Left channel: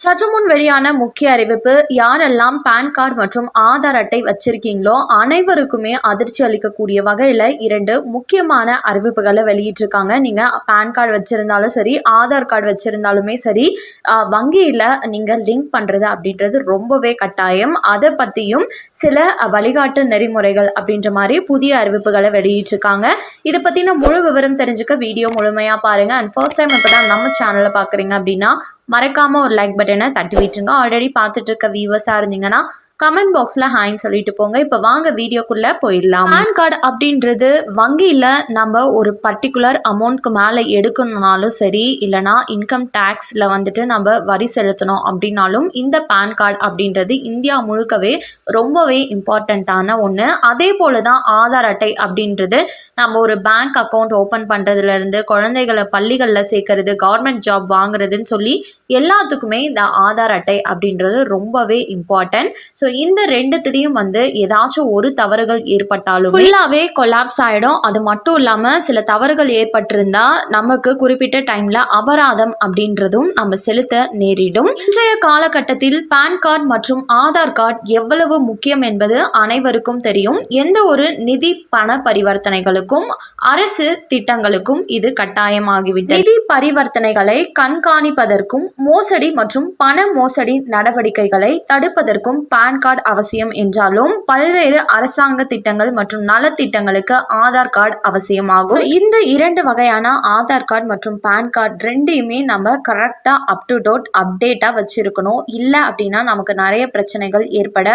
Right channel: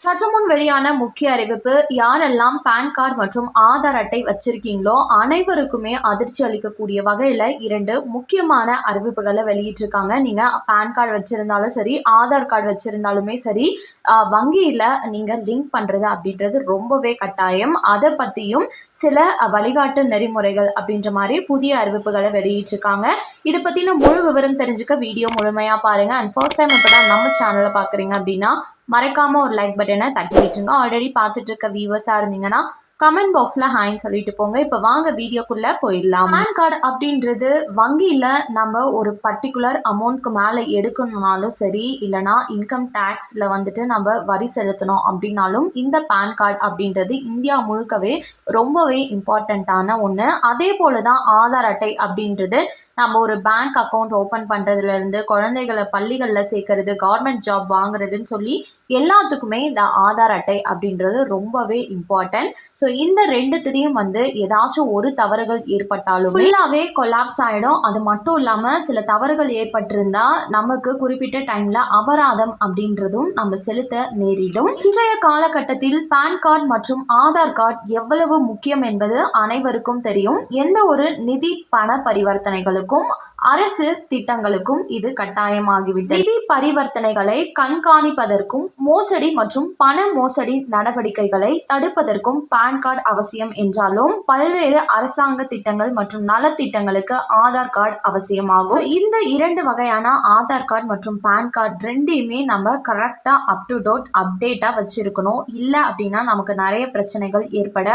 சற்று முன் வெளியான முக்கிய அறிவிப்பு யாரெல்லாம் பேன் கார்டு மற்றும் ஆதார் அட்டை வச்சிருக்கீங்களோ அனைவருக்குமே அதிர்ச்சி அளிக்கக்கூடிய வகையில் இரண்டு முக்கியமான அறிவிப்புகளை வெளியிட்டிருக்காங்க. நீங்கள் பேன் கார்டு வச்சுருந்தாலும் சரி ஆதார் கார்டு வச்சுருந்தாலுமே சரி வங்கியில் நீங்கள் லிங்க் பண்ணுறது அப்படின்றது ரொம்பவே கட்டாயம். அதை பற்றியும் சில வழிகாட்டு நெறிமுறைகள் அப்படின்ற மாதிரி புதிய அறிவிப்புகளை வெளியிட்டிருக்காங்க. இதை பற்றின முழு விவரம் தெரிஞ்சுக்க வீடியோ முழுமையாக பாருங்கள் அண்ட் ஃபர்ஸ்ட் டைம் இப்போ தான் நம்ம சேனலை பார்க்குறீங்க அப்படின்னா மறக்காமல் ஒரு லைக் பட்டனை தட்டி விட்டுருங்க. ஆல்ரெடி பார்த்துட்ருக்க வியூவர்ஸாக இருந்தீங்கன்னா கமெண்ட் பாக்ஸில் ஹாய்ன்னு சொல்லிட்டு போங்க. இப்போ வாங்க வீடியோக்குள்ளே போயிடலாம். பேன் கார்டு அப்படின்றது வங்கியில் நம்ம ஒரு பர்டிகுலர் அமௌண்ட்க்கு மேலே எடுக்கணுனாலும் சரி இல்லைனா இன்கம் டேக்ஸில் வந்துட்டு நம்ம வரி செலுத்தணும் அப்படின்னாலும் இந்த பேன் கார்டு அப்படின்றது இந்தியா முழுக்கவே ரொம்பவே இம்பார்ட்டண்ட்டான ஒன்று அதே போல் தான் ஆதார் அட்டை அப்படின்றது நம்ம ஒரு பேங்க் அக்கௌண்ட் ஓப்பன் பண்ணுறதுலேருந்து குழந்தைகளை பள்ளிகளில் சேர்க்கறது கவர்மெண்ட் ஜாப் வாங்குறதுன்னு சொல்லி எல்லாத்துக்குமே இந்த ஆதார் அட்டை அப்படின்றது ரொம்பவே இம்பார்ட்டன்ட் ஸோ இந்த ரெண்டுத்துலேயும் வந்து ஏதாச்சும் ஒரு தவறுகள் ஏற்பட்டாலும் ஃபுல்லாகவே கொலாப்ஸ் ஆகிடும் அது மட்டும் இல்லாமல் சில தவறுகள் ஏற்பட்டிருந்தா நமக்கு குறிப்பிட்ட டைமில் அபராதம் அப்படின்றதும் நம்ம செலுத்த நேரிடும். இன்றைய காலகட்டத்தில் பேன் கார்டு மற்றும் ஆதார் கார்டு எவ்வளவு முக்கியம் என்பது அனைவருக்கும் தெரியும். எந்த ஒரு நிதி பண பரிவர்த்தனைகளுக்கும் அரசு திட்டங்களுக்கும் இது கட்டாயமாகிவிட்டது. நிதி பரிவர்த்தனைகளை கண்காணிப்பதற்கும் மோசடி மற்றும் பண மோசடி நடவடிக்கைகளை தடுப்பதற்கும் பேன் கார்டு அவசியம் என்றாலும் பல்வேறு அரசாங்க திட்டங்கள் மற்றும் நலத்திட்டங்களுக்கு ஆதார் கார்டு அவசியமாகும். இந்த இரண்டு வகையான ஆதார் கார்டு மற்றும் பேன் கார்டு ரெண்டையுமே நம்ம கரெக்டாக அப் டு டோட் அப்டேட்டாக வச்சுருக்கணும். இல்லை அப்படின்னா நமக்கு நிறைய பிரச்சனைகள் ஏற்பட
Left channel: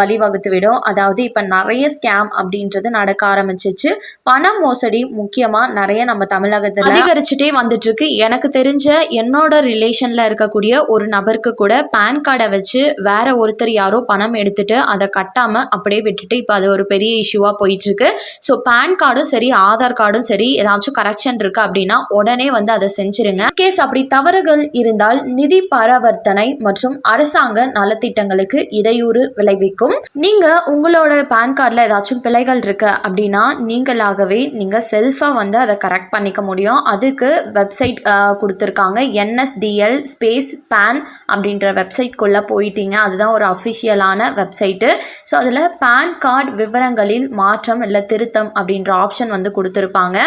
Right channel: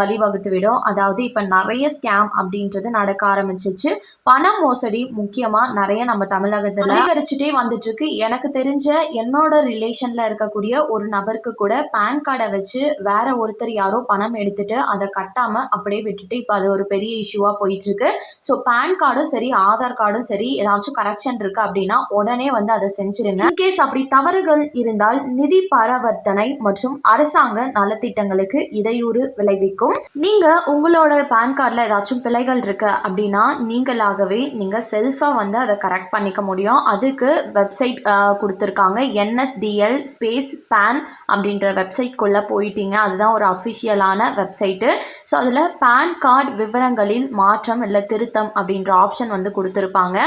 வழிவகுத்து விடும். அதாவது இப்போ நிறைய ஸ்கேம் அப்படின்றது நடக்க ஆரம்பிச்சிச்சு. பண மோசடி முக்கியமாக நிறைய நம்ம தமிழகத்தில் அதிகரிச்சுட்டே வந்துட்டு இருக்கு எனக்கு தெரிஞ்ச என்னோட ரிலேஷனில் இருக்கக்கூடிய ஒரு நபருக்கு கூட பேன் கார்டை வச்சு வேற ஒருத்தர் யாரோ பணம் பணம் எடுத்துட்டு அதை கட்டாமல் அப்படியே விட்டுட்டு இப்போ அது ஒரு பெரிய இஷ்யூவாக போயிட்டுருக்கு. ஸோ பேன் கார்டும் சரி ஆதார் கார்டும் சரி ஏதாச்சும் கரெக்ஷன் இருக்குது அப்படின்னா உடனே வந்து அதை செஞ்சுருங்க. கேஸ் அப்படி தவறுகள் இருந்தால் நிதி பரவர்த்தனை மற்றும் அரசாங்க நலத்திட்டங்களுக்கு இடையூறு விளைவிக்கும். நீங்கள் உங்களோட பேன் கார்டில் ஏதாச்சும் பிழைகள் இருக்குது அப்படின்னா நீங்களாகவே நீங்கள் செல்ஃபாக வந்து அதை கரெக்ட் பண்ணிக்க முடியும். அதுக்கு வெப்சைட் கொடுத்துருக்காங்க. என்எஸ்டிஎல் ஸ்பேஸ் பேன் அப்படின்ற வெப்சைட்குள்ளே போயிட்டீங்க. அதுதான் ஒரு அஃபிஷியலான ஆன வெப்சைட்டு ஸோ அதில் பேன் கார்டு விவரங்களில் மாற்றம் இல்லை திருத்தம் அப்படின்ற ஆப்ஷன் வந்து கொடுத்துருப்பாங்க.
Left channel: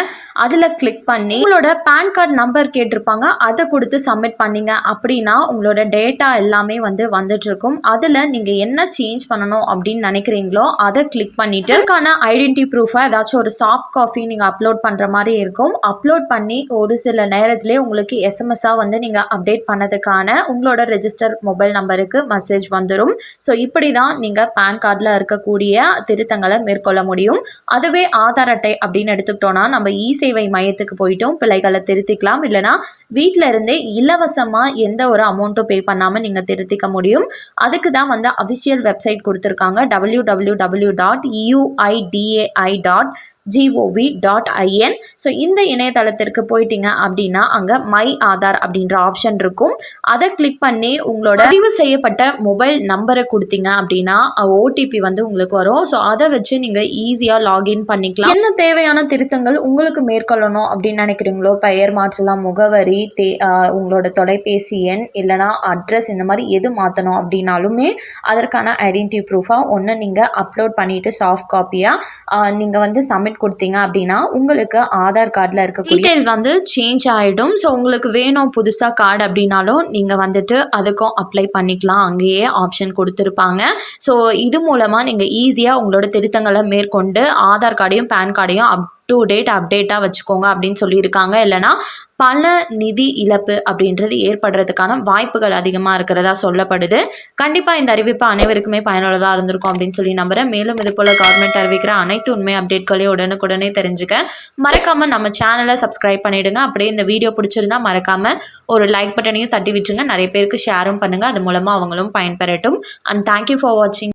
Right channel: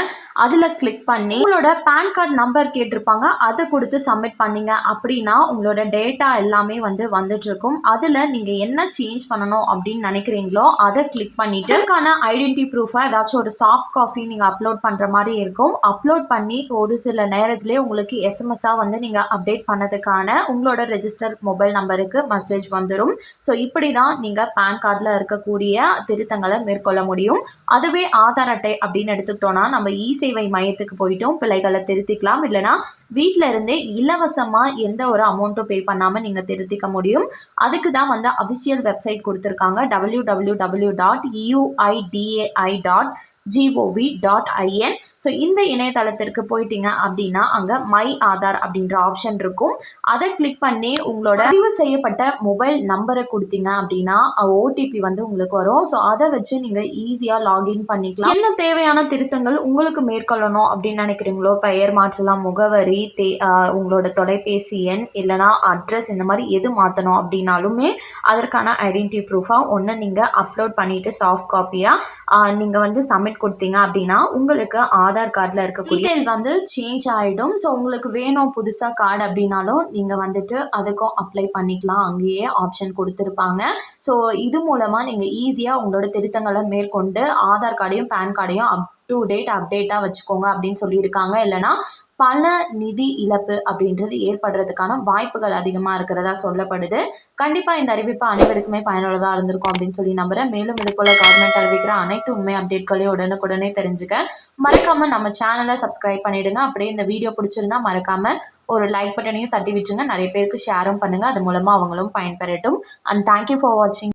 அதில் கிளிக் பண்ணி உங்களோட பேன் கார்டு நம்பர் கேட்டிருப்பாங்க. அதை கொடுத்து சப்மிட் பண்ணிங்க அப்படின்னா உங்களோட டேட்டா எல்லாமே வந்து வந்துட்டுருக்கும். அதில் நீங்கள் என்ன சேஞ்ச் பண்ணணும் அப்படின்னு நினைக்கிறீங்களோ அதை கிளிக் பண்ணிவிட்டு அதுக்கான ஐடென்டி ப்ரூஃபாக ஏதாச்சும் ஒரு சாஃப்ட் காஃபி நீங்கள் அப்லோட் பண்ணுற மாதிரி இருக்கும். அப்லோட் பண்ணி ஒரு சில நேரத்திலே உங்களுக்கு எஸ்எம்எஸ்ஸாக வந்து நீங்கள் அப்டேட் பண்ணதுக்கான உங்களோட ரெஜிஸ்டர் மொபைல் நம்பருக்கு மெசேஜ் வந்துடும் ஸோ இப்படி தான் நீங்கள் பேன் கார்டில் இருக்கக்கூடிய திருத்தங்களை மேற்கொள்ள முடியும். அதுவே ஆதார் அட்டை அப்படின்னு எடுத்துக்கிட்டோன்னா நம்ம இ சேவை மையத்துக்கு போயிட்டும் பிள்ளைகளை திருத்திக்கலாம். இல்லைனா வீட்டில் இருந்தே இலவசமாக எந்த ஒரு அமௌண்ட்டும் பே பண்ணாமல் நீங்கள் திருத்திக்க முடியும். அதுக்கு தான் வந்து அஃபிஷியல் வெப்சைட் கொடுத்துருக்காங்க. W W W dot UIDAI dot GOV dot IN so இந்த இணையதளத்திற்கு போயிட்டீங்க அப்படின்னா அங்கே மை ஆதார் அப்படின்ற ஆப்ஷன் இருக்கும். அதை கிளிக் பண்ணி உங்களோட பதிவு செய்யப்பட்ட மொபைல் நம்பரை கொடுத்தீங்க அப்படின்னா ஓடிபி வந்து உங்களுக்கு வரும். ஸோ அதை வச்சு நீங்கள் ஈஸியாக லாகின் பண்ணிக்கலாம். என்ன தேவையான திருத்தங்கள் உங்களுக்கு மேற்கொள்ளணும் அப்படின்னு நினைக்கிறீங்களோ? பெயர் மாற்றலாம் முகவரி தே உங்களோட தொலைபேசி எண் இல்லைனா அட்ரஸ் இந்த மாதிரி எது மாற்றணும் அப்படின்னாலுமே அதற்கான ஐடென்டி ப்ரூஃபாக ஒன்று நீங்கள் அப்லோட் பண்ணிவிட்டு சாஃப்ட் காப்பியாக நீங்கள் வந்து சப்மிட் சப்மிட் கொடுத்தீங்க அப்படின்னா உங்களுக்கு ஆதார் கார்டில் இருக்கக்கூடிய டீட்டெயில் வந்து சேஞ்ச் ஆகிடும் ஸோ உங்களுக்கு வேணும் புதுசாக கார்டு அப்படின்னாலும் நீங்கள் வந்துட்டு அதுக்கும் அப்ளை பண்ணிக்கலாம். அங்கேயே ஆப்ஷன் கொடுத்துருப்பாங்க. ஸோ இது மூலமாக நீங்கள் ஈஸியாக உங்களோட திருத்தங்களை மேற்கொண்டு ஆதார் கார்டையும் பேன் கார்டையும் அப் டு டேட் அப்டேட்டாக வச்சுக்கோங்க அப்படின்னு சொல்லியிருக்காங்க. இல்லைனா பல நிதி இழப்பு அப்படின்றது ஏற்படுறதுக்கான வாய்ப்புகள் அதிகமாக இருக்கிறதா சொல்லப்படுது. கண்டிப்பாக இந்த அறிவிப்பு அனைவருக்குமே பயனுள்ளதாக இருந்திருக்கும் அப்படின்னு சொல்லி நம்புகிறேன் மேலும் இது போல் கவர்மெண்ட் அறிவிக்கிற அனைத்து உண்மை அப்டேட்களையும் உடனுக்குடனே தெரிஞ்சுக்க. மறக்காமல் நம்ம சேனலை சப்ஸ்கிரைப் பண்ணிவிடுங்க அப்படியே இந்த வீடியோ பிடிச்சிருந்தா மறக்காமல் ஒரு லைக் பட்டனையும் தட்டி விட்டுருங்க. நிறைய பேருக்கு ஷேரும் பண்ணுங்கள் அது மூலமாக அவங்களும் பயன்பெறட்டும். அண்ட் தேங்க்யூ ஃபார் வாட்சிங்